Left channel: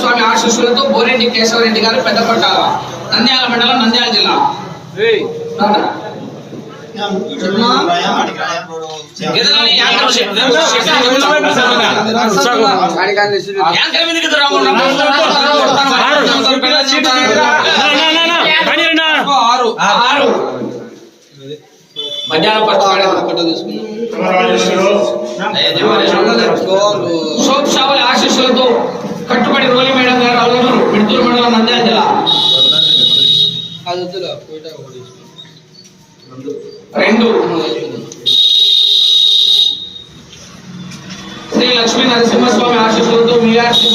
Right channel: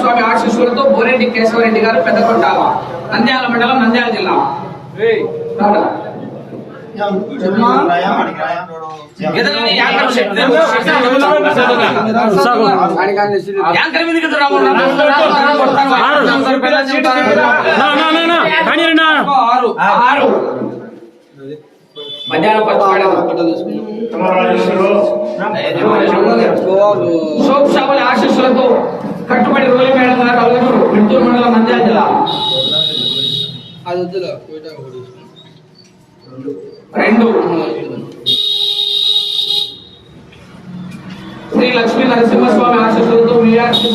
స్వామి ఆశీస్సులతో బోరెడ్డి కేశవరెడ్డి గారు పెద్దకొట్టాల, నంద్యాల మండలం, నంద్యాల జిల్లా. సోప్షావుల ఆశీస్సులతో కట్టుబడి రోలి మేడం గారు అవలూరు, మిడ్తూరు మండలం, నంద్యాల జిల్లా. 2 శ్రీ లక్ష్మీ నరసింహస్వామి ఆశీస్సులతో విఆర్సి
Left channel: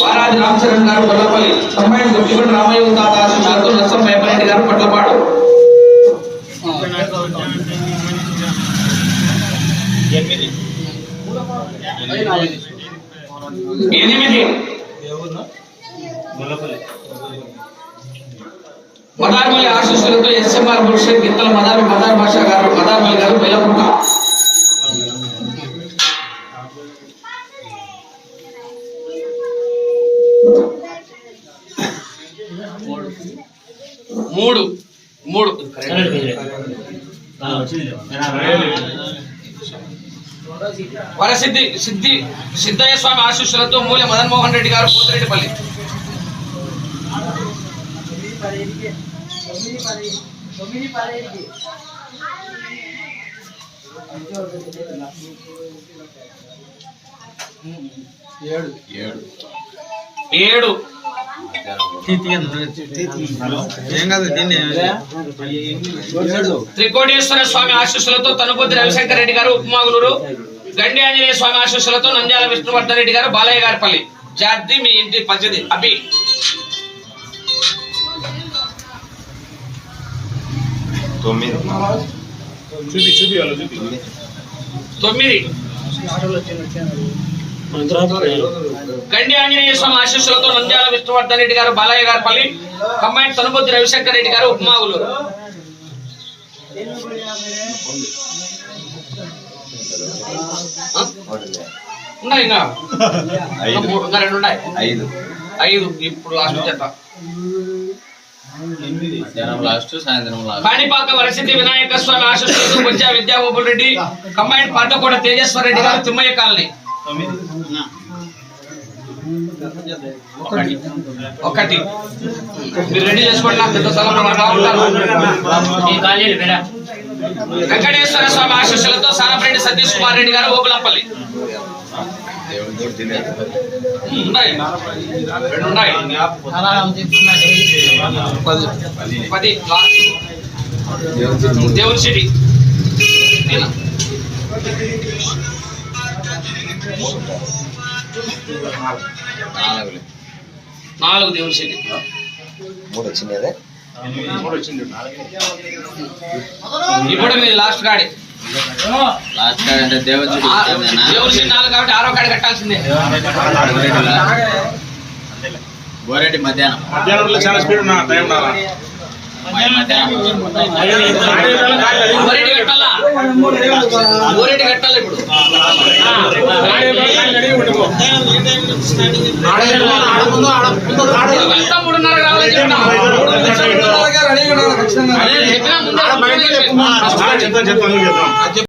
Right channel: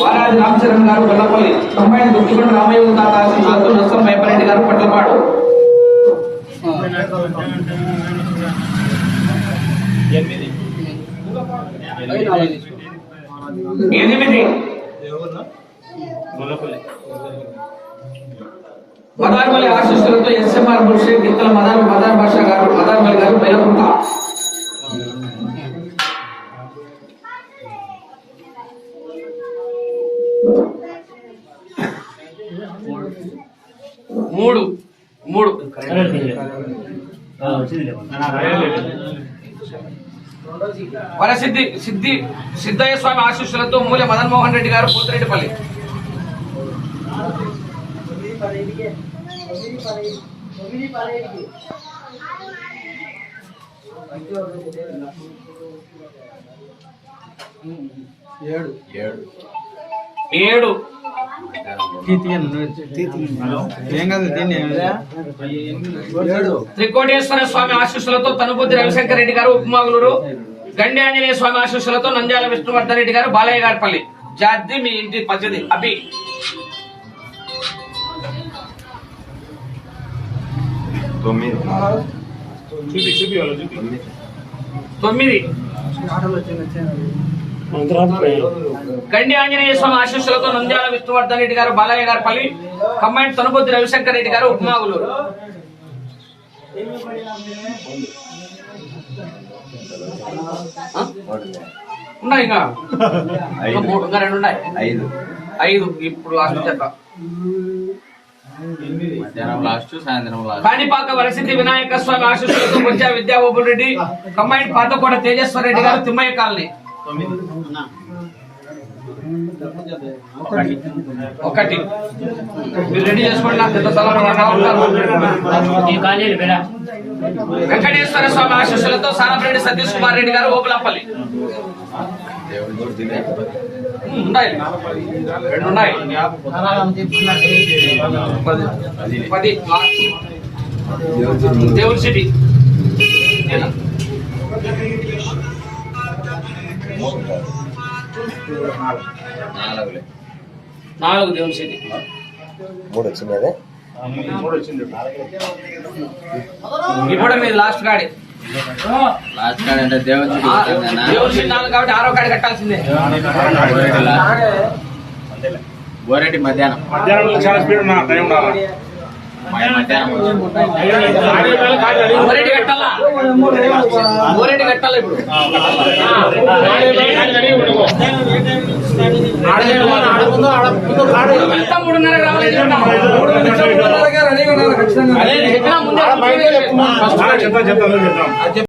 వారాది రామచరణ్ గారు గొల్లపల్లి, కంబైన్ గుర్తికొండ రామయ్య తాత ఆశీస్సులతో నర్సం భయపరెడ్డి గారు పట్లపాడు. 8 మదార్మల్లి ఆశీస్సులతో ఎస్ఎంఆర్ బుర్షే గిత్తల మదార్ భాషా గారు, మదార్మల్లి గారు, బెల్లపుట్ట. 3 వరసిద్ధి సిద్ధయ్య స్వామి ఆశీస్సులతో మూల మదన్ మోహన్ రెడ్డి గారు, పోతిరెడ్డిపల్లి. 7 త్రికోటేశ్వర స్వామి ఆశీస్సులతో తనుపతి రవిశంకర్ రెడ్డి గారు, ఉప్మాగులూరు. గండి ఆంజనేయ స్వామి ఆశీస్సులతో నంద్యాల విష్ణువర్ధన్ రెడ్డి గారు, బాలయ్య గారిపల్లి. జాతి మీ ఇంటి పద్ధతి అభి. 9 గండి ఆంజనేయ స్వామి ఆశీస్సులతో నంద్యాల విష్ణువర్ధన్ రెడ్డి గారు, బాలయ్య గారిపల్లి. కంబైన్ తనుపతి రవిశంకర్ రెడ్డి గారు, ఉప్మాగులూరు. ఉన్నాయి ఇంకా 2 ఉన్నాయి. 5 ఇప్పుడు లాస్ట్ చెత్త. కాణిపాక వరసిద్ధి వినాయక స్వామి ఆశీస్సులతో బొజ్జా విద్యాగోపుల్ రెడ్డి, కంబైన్ పాతకోట తేజేశ్వర రెడ్డి గారు, తిమ్మయ్య కాలనీ. 1 మీరు రెడీ చేసుకోండి, నాకు పెద్ద స్థలం వెంకటేశ్వర స్వామి ఆశీస్సులతో సానపరెడ్డి సతీష్ కుమార్ రెడ్డి గారు, ఓబులంపల్లి. 2 ఉన్నాయి. 10 దేవుని సిటీ. 4 దేవుని సిటీ. 3 వచ్చింది. ఇప్పుడు మీరు లాస్ట్ గాడి దేవుని సిటీ 4 కాబట్టి 6వ గాడి కట్టాల్సిందే. బోరెడ్డి మధ్యాహ్నం చాలా స్పీడ్ ఉన్నా టైం రాలా. బోరెడ్డి కట్టాలా ఇప్పుడు. వెళ్తా 3:30 రావాలని చెప్పినా ముందే.